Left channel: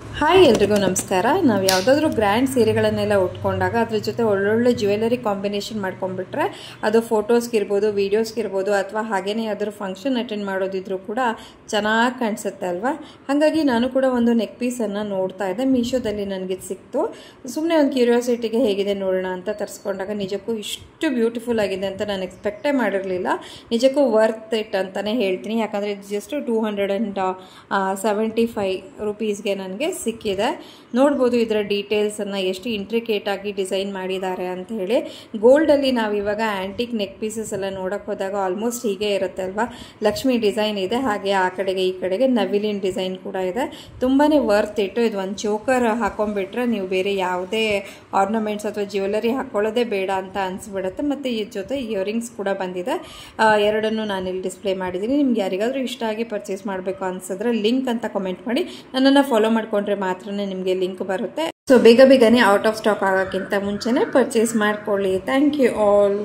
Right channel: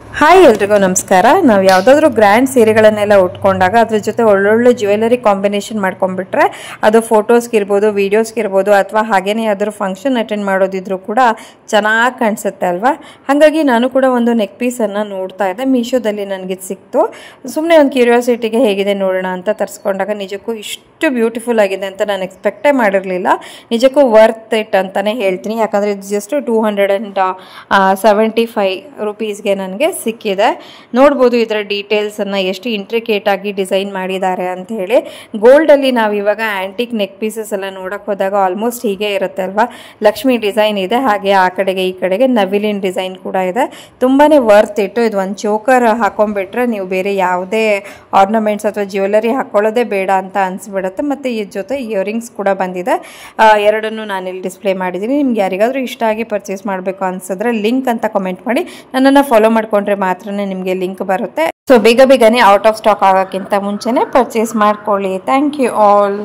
Hi ಎಲ್ರಿಗೂ ನಮಸ್ಕಾರ. ನಾವು ಯಾವುದಾದ್ರೂ ಗ್ರ್ಯಾಂಡ್ ಸೀರೆಗಳನ್ನೆಲ್ಲ ಉಟ್ಕೊಂಡಾಗ ಅದ್ರ ಜೊತೆ ಒಳ್ಳೊಳ್ಳೆ ಜ್ಯುವೆಲರಿ ಕಾಂಬಿನೇಷನ್ ಮಾಡ್ಕೊಂಡ್ಬಿಟ್ರೆ ಅದು ಫೋಟೋಸ್ಗೆ ಇರ್ಬೋದು, ವೀಡಿಯೋಸ್ಗೆ ಇರ್ಬೋದು, ಅಥವಾ ಹಾಗೇನೇ ಯಾವ್ದಾದ್ರು ಫಂಕ್ಷನ್ ಅಟೆಂಡ್ ಮಾಡೋದಿದ್ರು ಕೂಡ ಚೆನ್ನಾಗಿ ಕಾಣಿಸುತ್ತೆ ಅಲ್ವಾ. ಹಾಗಾಗಿ ನಾನು ಕೂಡ ಒಂದು ನೆಕ್ ಪೀಸನ್ನು ನೋಡ್ತಾ ಇದ್ದೆ, ಮೀಶೋದಲ್ಲಿ ನನಗೆ ಸಿಕ್ತು. ಸುಮ್ಮನೆ ಒಂದು ಕ್ಯೂರಿಯಾಸಿಟಿಗೆ ಹೇಗಿದೆ ನೋಡೋಣ ಅಂತ ತರಿಸ್ಕೊಂಡಾಗ ನಿಜಕ್ಕೂ ಇಷ್ಟು ಬ್ಯೂಟಿಫುಲ್ ಆಗಿದೆ ಅಂತ ನಾನು ಎಕ್ಸ್ಪೆಕ್ಟೇ ಮಾಡಿರಲಿಲ್ಲ. ನಿಜಕ್ಕೂ ವರ್ತ್ ಇಟ್ ಅಂತಲೇ ಹೇಳ್ತೀನಿ. ಯಾಕಂದರೆ ಇದು ಜಸ್ಟ್ 275 ರೂಪೀಸ್ಗೆ ನನಗೆ ಸಿಕ್ಕಿದೆ. ನೋಡ್ಬೋದು ಇದರ ಡೀಟೇಲ್ಸನ್ನು ಎಷ್ಟು ಇಂಟ್ರಿಕೇಟ್ ಆಗಿ ಡಿಸೈನ್ ಮಾಡಿದ್ದಾರೆ ಅಂತ ಹೇಳಿ. ಗೋಲ್ಡಲ್ಲಿ ನಾವು ಇವಾಗ ಆ್ಯಂಟಿಕ್ ನೆಕ್ ಪೀಸಸ್ ಎಲ್ಲ ನೋಡೋಕೆ ಹೋದಾಗ ಆಲ್ಮೋಸ್ಟ್ ಹೀಗೆ ಇರುತ್ತೆ ಅಲ್ವಾ. ಲಕ್ಷ್ಮಿ ಡಿಸೈನ್ ಇದೆ, ಹಾಗೆ ಆ ಕಡೆಗೆ ಈ ಕಡೆಗೆ ನವಿಲಿನ ಡಿಸೈನ್ ಕೂಡ ಇದೆ. ತುಂಬಾ ವರ್ತ್ ಇಟ್ಟು. ಇದು ಒಂದು ಚೋಕರ್ ಹಾಕೊಂಡ್ಬಿಟ್ರೆ ನೀವು ಬೇರೆ ಯಾವುದೇ ಆರ್ನಮೆಂಟ್ಸ್ ಅಥವಾ ಜ್ಯುವೆಲರಿ ಹಾಕೊಳ್ಳೋದೇ ಬೇಡ ಅಂತ ಅನಿಸ್ಬಿಡುತ್ತೆ. ಮತ್ತು ಈ ಜೊತೆ ಇಯರಿಂಗ್ಸ್ ಕೂಡ ಬಂದಿದೆ. ಎರಡನ್ನೂ ನಾನಿಲ್ಲಿ ಡಿಸ್ಪ್ಲೇ ಮಾಡಿದ್ದೀನಿ. ನಿಮ್ಗೆ ಯಾರಿಗಾದರೂ ಇಷ್ಟ ಆಗಿ ಪರ್ಚೇಸ್ ಮಾಡಬೇಕು ಅನ್ಸಿದ್ರೆ ಲಿಂಕ್ ಅಂತ ಕಮೆಂಟ್ ಮಾಡಿ. ನನ್ನನ್ನು ಫಾಲೋ ಮಾಡ್ಕೊಂಡ್ರೆ ಮಾತ್ರನೇ ನಿಮಗೆ ಲಿಂಕ್ ಬರುತ್ತೆ. ಸೊ ಬೇಗನೆ ಔಟ್ ಆಫ್ ಸ್ಟಾಕ್ ಆಗೋಕ್ಕಿಂತ ಮುಂಚೆನೇ ಪರ್ಚೇಸ್ ಮಾಡ್ಕೊಳ್ಳಿ. Thank you all.